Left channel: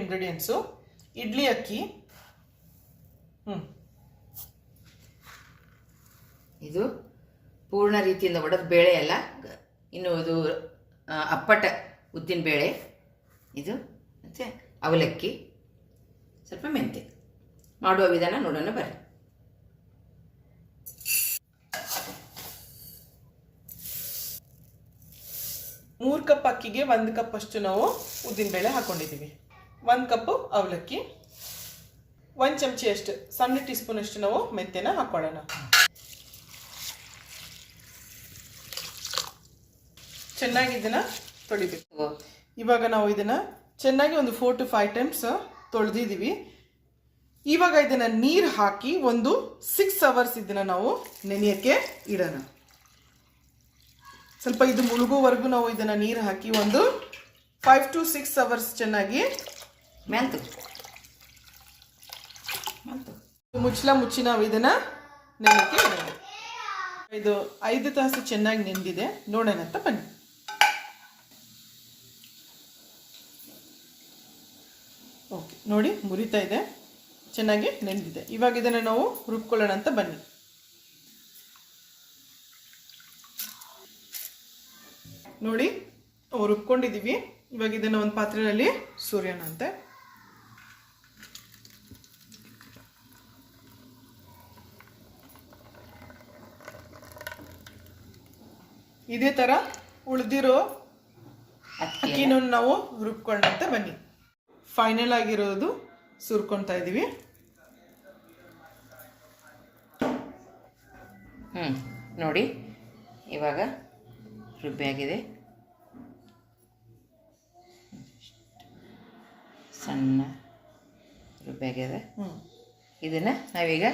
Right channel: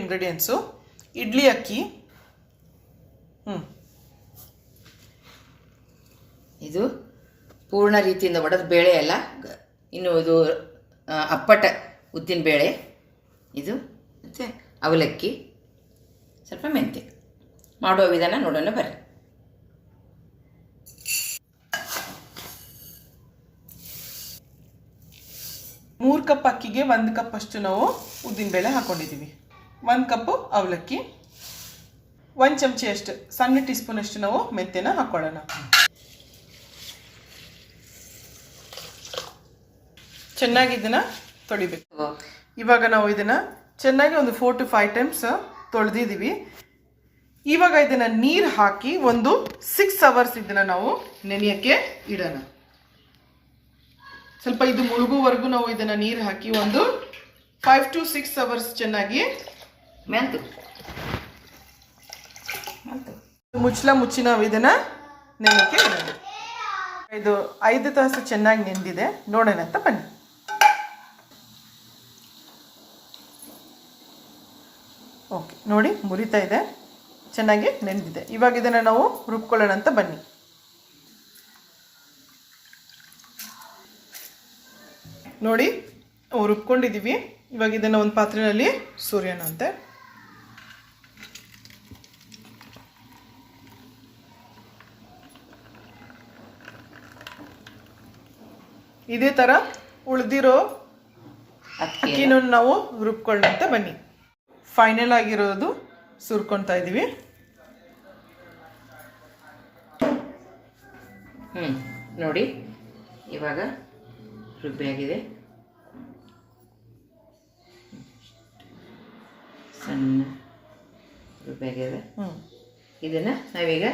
Ingredients. Idli ಅಕ್ಕಿ, ಇದು ಪೂರ್ಣ ರೀತಿಯಿಂದ ಒಡೆದ ಬೇಳೆ ಅಲ್ಲ, ಇನ್ನು ಇದು ಅಪ್ಪಟ ಉದ್ದಿನ ಬೇಳೆ, ಇದು ಮತ್ತು ಅವಲಕ್ಕಿ, ಸ್ವಲ್ಪ ಮೆಂತೆ. ಮಾಡುವ ವಿಧಾನ ನೋಡೋಣ ಬರ್ರಿ. ಮೂರು ಕಪ್ ಅಕ್ಕಿಗೆ 1 ಕಪ್ ಅಷ್ಟು ನಾವು ಉದ್ದಿನಬೇಳೆ ಹಾಕೊಂಡಿದ್ದೀವಿ. 1 ಕಪ್ಪು ಅವಲಕ್ಕಿ, 1 ಚಮಚಿ ಅಷ್ಟು ಸಣ್ಣ ಟೀ ಸ್ಪೂನ್ ಅಷ್ಟು ನಾವು ಮೆಂತೆನ ಹಾಕೊಳ್ಳೋಣ. ಚೆನ್ನಾಗಿ ಇದನ್ನ ತೊಳಿಬೇಕು. ಇವಾಗ ನಾವು ಇದನ್ನ ಚೆನ್ನಾಗಿ ಒಂದು 4 to 5 ಟೈಮ್ಸ್ ತೊಳೆದಿದ್ದೀವಿ. ಇವಾಗ ಇದನ್ನ ನೀರು ಹಾಕಿ ಒಂದು 6 ಅವರ್ಸ್ ಇದನ್ನ ನಾವು ನೆನೆಯಕ್ಕೆ ಇಡೋಣ. ಸ್ವಲ್ಪ ಇದು ಮುಳುಗುವರೆಗೂ ನಾವು ಇದನ್ನ ನೀರು ಹಾಕಿ ಒಂದು 5 to 6 ಅವರ್ಸ್ ಚೆನ್ನಾಗಿ ಮುಚ್ಚಿ ನಾವು ಇದನ್ನ ನೆನೆಯಕ್ಕೆ ಇಡೋಣ. ಇದು 5 ತಾಸು ಚೆನ್ನಾಗಿ ನೆಂದಿದೆ, ನೋಡೋಣ ಅಂತ ಬನ್ನಿ. ಓಕೆ, ನೋಡಿ ಮುರಿತಾ ಇದೆ, ಚೆನ್ನಾಗಿ ನೆಂದಿದೆ. ಇವಾಗ ಇದನ್ನು ನಾವು ರುಬ್ಕೊಳ್ಳೋಣ ಅಂತ ಬನ್ನಿ. ನೋಡಿ ರುಬ್ಕೊಂಡಿದ್ದೀವಿ. ಇವಾಗ ಇದನ್ನು ಒಂದು ಪಾತ್ರೆಯಲ್ಲಿ ಸುರಿಯೋಣ ಅಂತೆ. ಇದೇ ಥರ ಉಳಿದಿರೋ ಅಕ್ಕಿನೂ ನಾವು ರುಬ್ಕೊಳ್ಳೋಣ ಅಂತ ಬನ್ನಿ. ಫೈನಲ್ ಆಗಿರೋದು ಸುರ್ಕೊಳ್ತಾ ಇದ್ದೀವಿ. ನೋಡಿ ಇವಾಗ ರುಬ್ಬಿಯಾಗಿದೆ, ಸಣ್ಣ ರುಬ್ಬಿಯಾಗಿದೆ. ಇದನ್ನು ನಾವೀಗ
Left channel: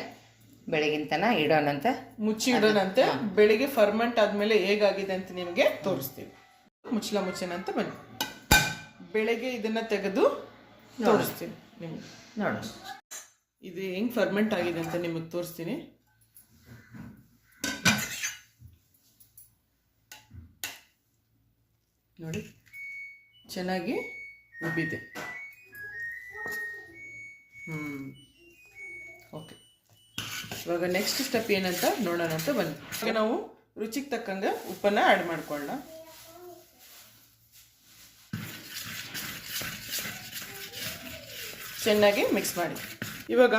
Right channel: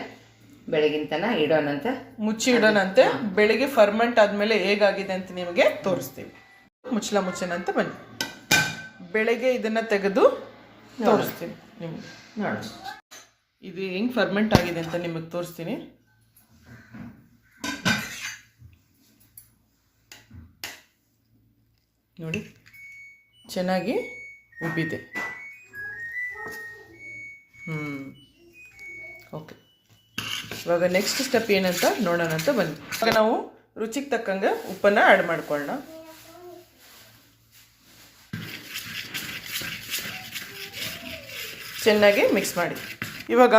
ಬೆಳಗಿನ ತನಕ ಇಡೋಣಂತ, ಮುಚ್ಚಿ ಇಡೋಣಂತೆ. ಬೆಳಿಗ್ಗೆ ಫರ್ಮೆಂಟ್ ಆದಮೇಲೆ ಹೇಗಾಗಿದೆ ಅಂತ ನಿಮಗೆ ತೋರಿಸ್ತೀವಿ. ಮುಚ್ಚೋಣ ಅಂತ ಬನ್ನಿ. ಬೆಳಗ್ಗೆ ಇದನ್ನು ತೆಗೆದು ತೋರಿಸ್ತೀನಿ ನಿಮಗೆ. ನೋಡಿ ಇದು ಹೆಂಗೆ ಫರ್ಮೆಂಟ್ ಆಗಿದೆ ಅಂತ ನಿಮಗೆ ತೋರಿಸ್ತೀನಿ. ನೋಡಿ ಚೆನ್ನಾಗಿ ಉಬ್ಬಿದೆ. ಓಕೆ, ಇವಾಗ ನೆಕ್ಸ್ಟ್ ಸ್ಟೆಪ್ ಏನಂತ ನೋಡೋಣ ಅಂತ ಬನ್ನಿ. ಇವಾಗ ನಾವು ರುಚಿಗೆ ತಕ್ಕಂಗೆ ಉಪ್ಪನ್ನು ಆ್ಯಡ್ ಮಾಡ್ಕೊಳ್ಳೋಣ. ಚೆನ್ನಾಗಿ ಮಿಕ್ಸ್ ಮಾಡಿ. ಇವಾಗ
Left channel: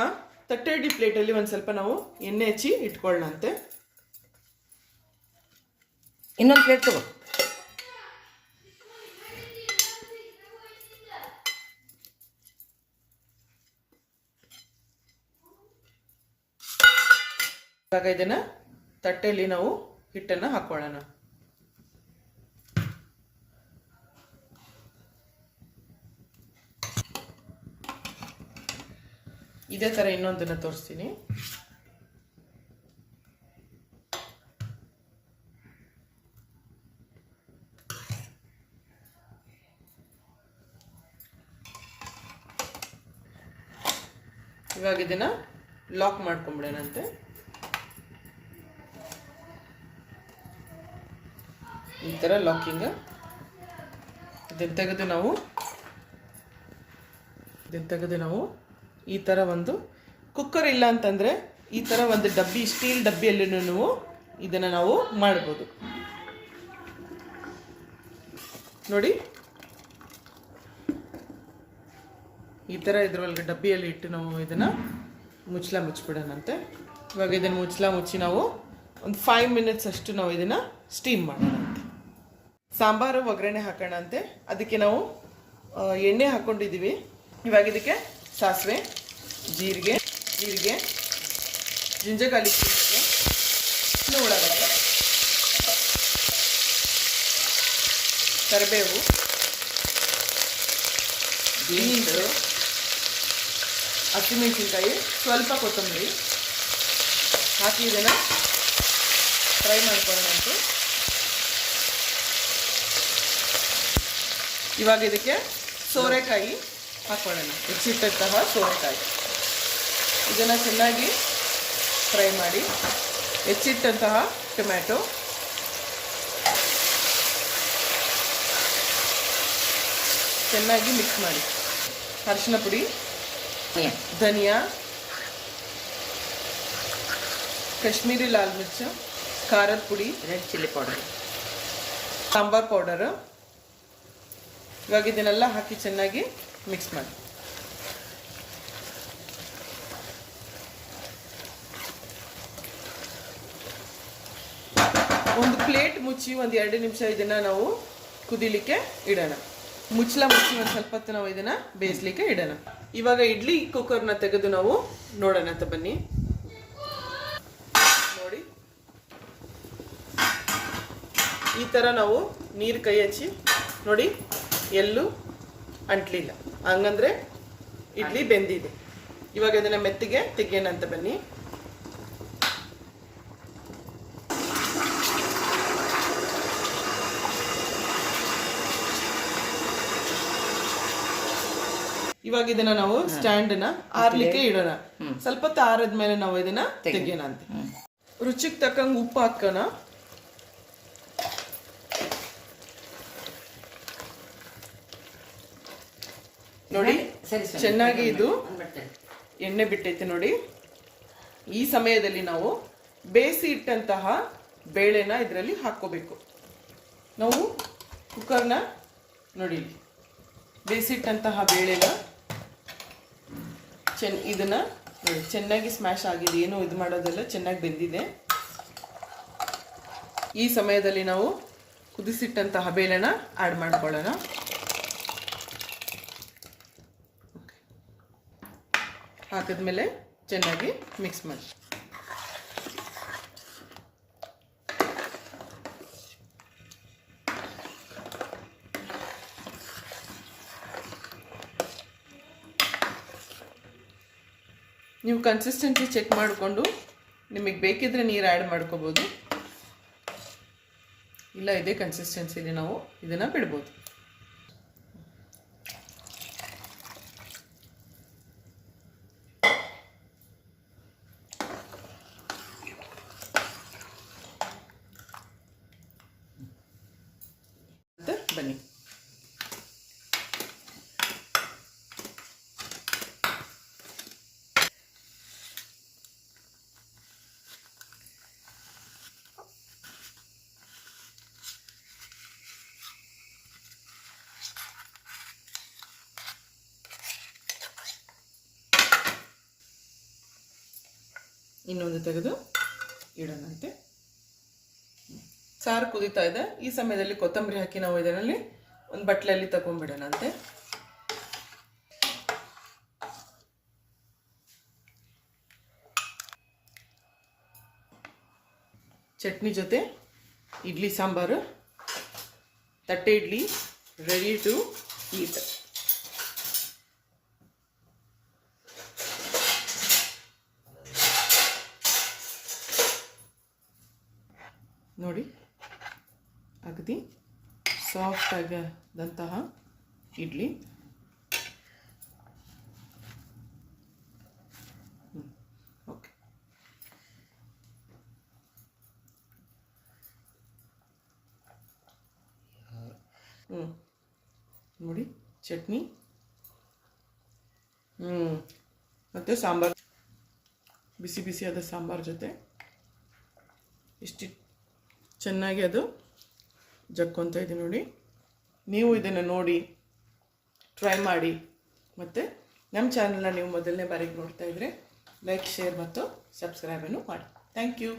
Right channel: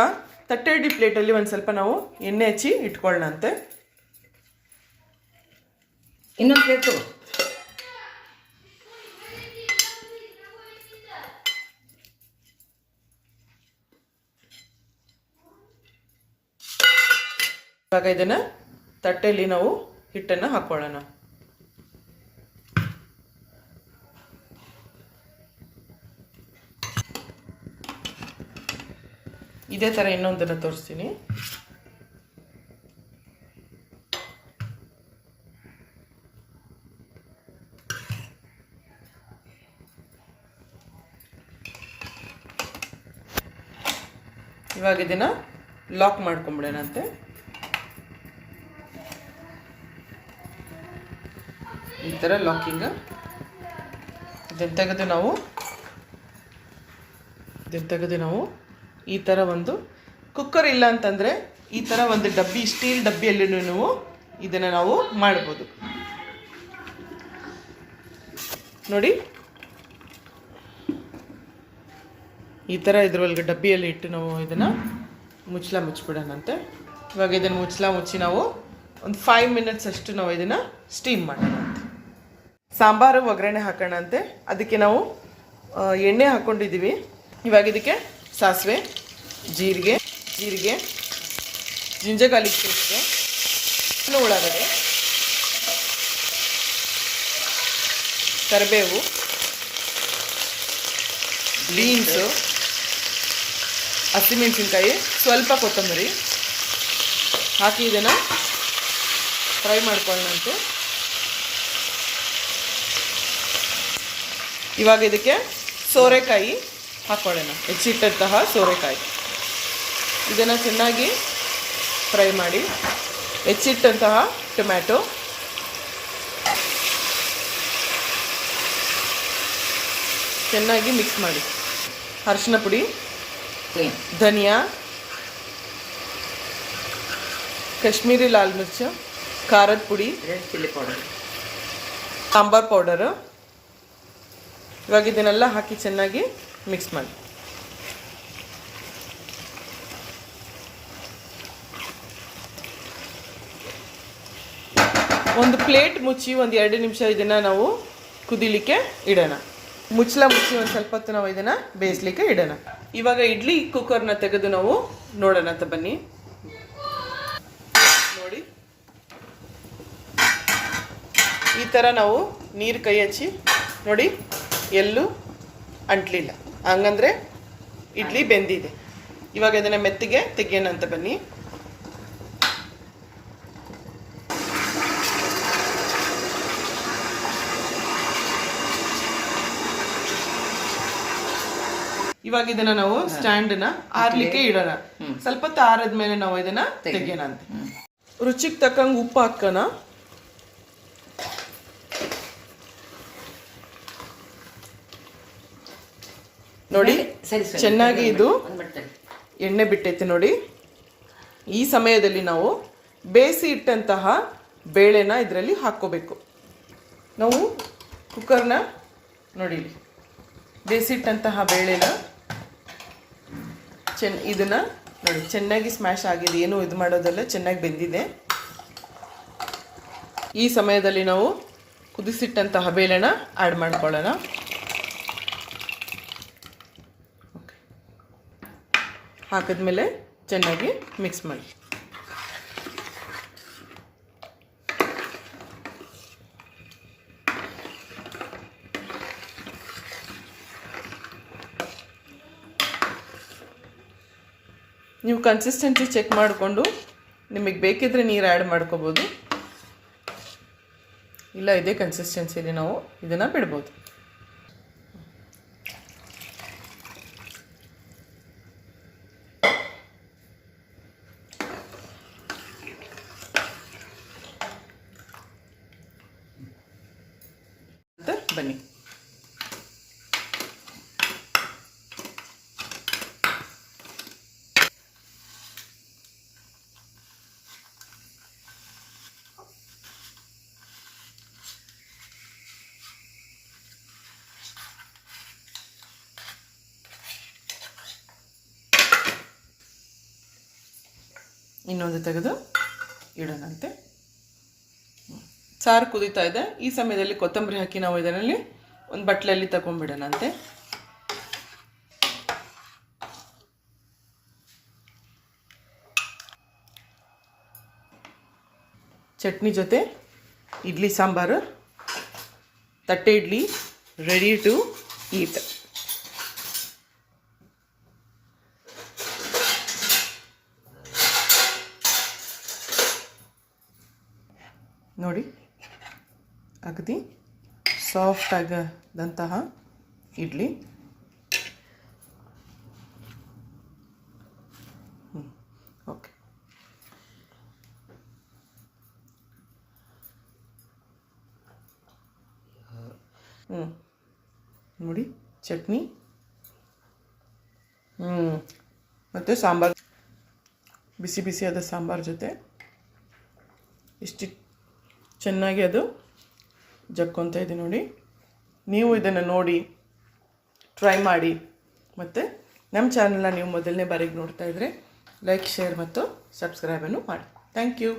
ತಟ್ಟೆ ಇಡ್ಲಿ ಪ್ಲೇಟಲ್ಲಿ ಒಂದು ಸ್ವಲ್ಪ ನಾವು ಎಣ್ಣೆ ಹಚ್ಚಿ ಇಟ್ಕೊಳ್ಳೋಣ ಅಂತೆ. ಇನ್ನೊಂದು ಪ್ಲೇಟು ಇವಾಗ ಇದನ್ನು ತಟ್ಟೆಯಲ್ಲಿ ನಾವು ಹಿಟ್ಟನ್ನು ಹಾಕೊಳ್ಳೋಣ. ಇದೇ ಥರ ಇನ್ನೊಂದನ್ನು ತೋರಿಸ್ತೀನಿ. ಇವಾಗ ಇದನ್ನು ಲಾಕ್ ಮಾಡ್ಕೊಂಬಿಡೋಣಂತೆ. ಈ ಥರ ಲಾಕಿಂಗ್. ಇದನ್ನು ತೆಗೆದು ನಾವು ಈ ಥರ ಒಂದು ಕುಕ್ಕರ್ ಇಲ್ಲ ಅಂತಂದರೆ ಈ ಥರ ಒಂದು ಡಬ್ಬಿ, ಸ್ಟೀಲ್ ಡಬ್ಬಿಯಲ್ಲಿ ನೀವು ಇದನ್ನು ನಾವು ಮಾಡ್ಬೋದು. ನೋಡಿ ಈ ಥರ ಇದ್ರೊಳಗೆ ಡಬ್ಬಿಯಲ್ಲಿ ಇಟ್ಟು ನಾವು ಇದನ್ನು ಮುಚ್ಚಿಬಿಡೋಣಂತೆ. ಇವಾಗ ಇದನ್ನು ಮುಚ್ಚಿ ನಾವು ಒಂದು 5 ಮಿನಿಟ್ಸ್ ಅಷ್ಟು ನಾವು ಇದನ್ನು ಸ್ಟೀಮ್ ಮಾಡೋಣ ಅಂತ. ಸಾಂಬಾರು ಒಗ್ಗರಣೆ ಹಾಕೋಣ ಅಂತೆ. ಅದಕ್ಕೆ ನಾವು ಎಣ್ಣೆ ಹಾಕ್ಕೊಂಡಿದ್ದೀವಿ. ಇವಾಗ ಇದಕ್ಕೆ ಸಾಸಿವೆ, ಜೀರಿಗೆ, ಜಿಂಜರ್ ಗಾರ್ಲಿಕ್ ಪೇಸ್ಟ್, ಉಳ್ಳಾಗಡ್ಡೆ, ಕರಿಬೇವು, ಬೀನ್ಸು, ಹಸಿಮೆಣಸಿನ್ಕಾಯಿ, ಸ್ವಲ್ಪ ಕೊತ್ತಂಬರಿ ಹಾಕಿ ಇದನ್ನು ಫ್ರೈ ಮಾಡ್ಕೊಳ್ಳೋಣಂತೆ. ಇವಾಗ ಇದಕ್ಕೆ ಸೋರೆಕಾಯಿ ಹಾಕ್ಕೊಳ್ಳೋಣ, ಹೆಚ್ಚಿಟ್ಟಂತಹ ಸೋರೆಕಾಯಿ. ಇದನ್ನು ಚೆನ್ನಾಗಿ ಫ್ರೈ ಮಾಡಿ. ಹೆಚ್ಚಿಟ್ಟಂತಹ ಟೊಮ್ಯಾಟೊ, ಚೆನ್ನಾಗಿ ಮಿಕ್ಸ್ ಮಾಡಿ. ಅರಿಶಿನ ಪುಡಿ, ಏನು ಧನಿಯಾ, ಕಾಶ್ಮೀರಿ ಲಾಲ್ ಮಿರ್ಚು, ಖಾರದ ಪುಡಿ, red chilli powder, sambar powder. ಇವಾಗ ಇದನ್ನೆಲ್ಲ ಹಾಕಿ ಚೆನ್ನಾಗಿ ಮಿಕ್ಸ್ ಮಾಡಿ. ಒಂದು ಪ್ಲೇಟ್ ಮುಚ್ಚಿ ಒಂದು 2 ನಿಮಿಷ ಇದನ್ನು ನಾವು ಕುದಿಲಿಕ್ಕೆ ಇಡೋಣ. ಮುಚ್ಚಳ ಮುಚ್ಚಿ ಒಂದು ಸ್ವಲ್ಪ ಹೊತ್ತು ನಾವು ಇದನ್ನು ಬೇಯಿಸ್ಲಿಕ್ಕೆ ಇಡೋಣ. ಇವಾಗ ಇಡ್ಲಿ ಕುಕ್ಕರ್ನ ತೆಗೆದು ನಾವು ನೋಡೋಣ ಅಂತ ಬನ್ನಿ. ನೋಡಿ, ಈ ಥರ ನಾವು ನೀರು ಕೈ ಹಚ್ಚಿ ನೋಡಿ, ಎಲ್ಲೂ ಅಂಟ್ಲಿಲ್ಲ. ಹಂಗಂದ್ರೆ ಇಡ್ಲಿ ಬೆಂದಿದೆ. ಇವಾಗ ಇದನ್ನು ಮೆತ್ತಿಗೆ ತೆಗಿಯೋಣ ಅಂತ ಬನ್ನಿ. ಇವಾಗ ಇದನ್ನ ನಾವು ಸ್ಟ್ಯಾಂಡ್ನ ಆರ್ಲಿಕ್ಕೆ ಇಡೋಣ. ಸ್ವಲ್ಪ ಹೊತ್ತು ಆರದ್ಮೇಲೆ ನಾವು ಇದನ್ನ ತೆಗಿಯೋಣ ಅಂತ. ರುಚಿಗೆ ತಕ್ಕಂಗೆ ಉಪ್ಪು ಹಾಕೋಣ. ನೋಡಿ, ಸರಿ ಚೆನ್ನಾಗಿ ಇದು ಎಣ್ಣೆ ಬಿಟ್ಟೈತೆ ನೋಡಿ. ಈ ಸಮಯದಲ್ಲಿ ನಾವು ಬೇಯಿಸಿ ಇಟ್ಟಂತಹ ಬೇಳೆನ ಇದರಲ್ಲಿ ಹಾಕ್ಕೋಬೇಕು. ನಾವು ಕುಕ್ಕರ್ನ ನೋಡಿ, ಬೇಯಿಸಿಟ್ಟಂತಹ ಬೇಳೆನ ಇದನ್ನ ನೋಡಿ ಚೆನ್ನಾಗಿ ಸ್ಮ್ಯಾಶ್ ಆಗಿದೆ. ಏನು ಇದು ಮಾಡೋದಲ್ಲ, ಚೆನ್ನಾಗಿ ಬೆಂದಿದೆ. ಈ ಸಮಯದಲ್ಲಿ ನಾವು ಕುದಿಸಿಟ್ಟಂತಹ ಬೇಳೆನ ಆ್ಯಡ್ ಮಾಡ್ಕೊಳ್ಳೋಣ. ಹಾಕಿದ್ಮೇಲೆ ಚೆನ್ನಾಗಿ ಮಿಕ್ಸ್ ಮಾಡಿ. ನೀವು ಕನ್ಸಿಸ್ಟೆನ್ಸಿ ಚೆಕ್ ಮಾಡಿಕೊಂಡು ನಿಮಗೆ ಬೇಕಿದ್ರೆ ನೀರು ಆ್ಯಡ್ ಮಾಡ್ಕೋಬೋದು. ಇಲ್ಲ, ಇದೇ ಕನ್ಸಿಸ್ಟೆನ್ಸಿಲಿ ನಾವು ಇದನ್ನು ಬಿಡ್ಬೋದು. ಬನ್ನಿ, ಇನ್ನೊಂದು ತೆಗೆದು ಇಡೋಣಂತೆ. ಸಾರು ಕುದೀತಾ ಇದೆ. ಈ ಸಮಯದಲ್ಲಿ ಕೊತ್ತಂಬರಿ ಹಾಕಿ ನಾವು ಇದರಲ್ಲಿ ಒಂದು ಬಟ್ಲಲ್ಲಿ ತಗೊಂಡ್ಬಿಡೋಣಂತೆ. ಚಟ್ನಿ ಜೊತೆ ಇಡ್ಲಿ ಸಾಂಬಾರು, ತಟ್ಟೆ ಇಡ್ಲಿ ರೆಡಿ ಟು ಈಟ್. ನೋಡಿ, ಅಗದಿ ಸಾಫ್ಟ್ ಆಗದಂತಹ ಇಡ್ಲಿ. ಓಕೆ, ನೋಡಿ ಚಟ್ನಿ ಮತ್ತು ಸಾಂಬಾರು, ಬಿಸಿ ಬಿಸಿಯಾದ ಸಾಂಬಾರು ಜೊತೆ ಎಷ್ಟು ಚೆನ್ನಾಗಿ ಅದು ಜಕ್ಕೊಂತ ಇದೆ ನೋಡಿ. ನೀವು ಇದನ್ನು ನೋಡಿ ಟ್ರೈ ಮಾಡಿ. ಮತ್ತು ನಮ್ಮ ಚಾನಲ್ನ ನೀವು ಮೊದಲನೇ ಬಾರಿಗೆ ನೋಡ್ತಾ ಇದ್ದರೆ ಲೈಕ್, ಶೇರ್ ಮತ್ತು ಸಬ್ಸ್ಕ್ರೈಬನ್ನು ಮಾಡಿ. Thank you.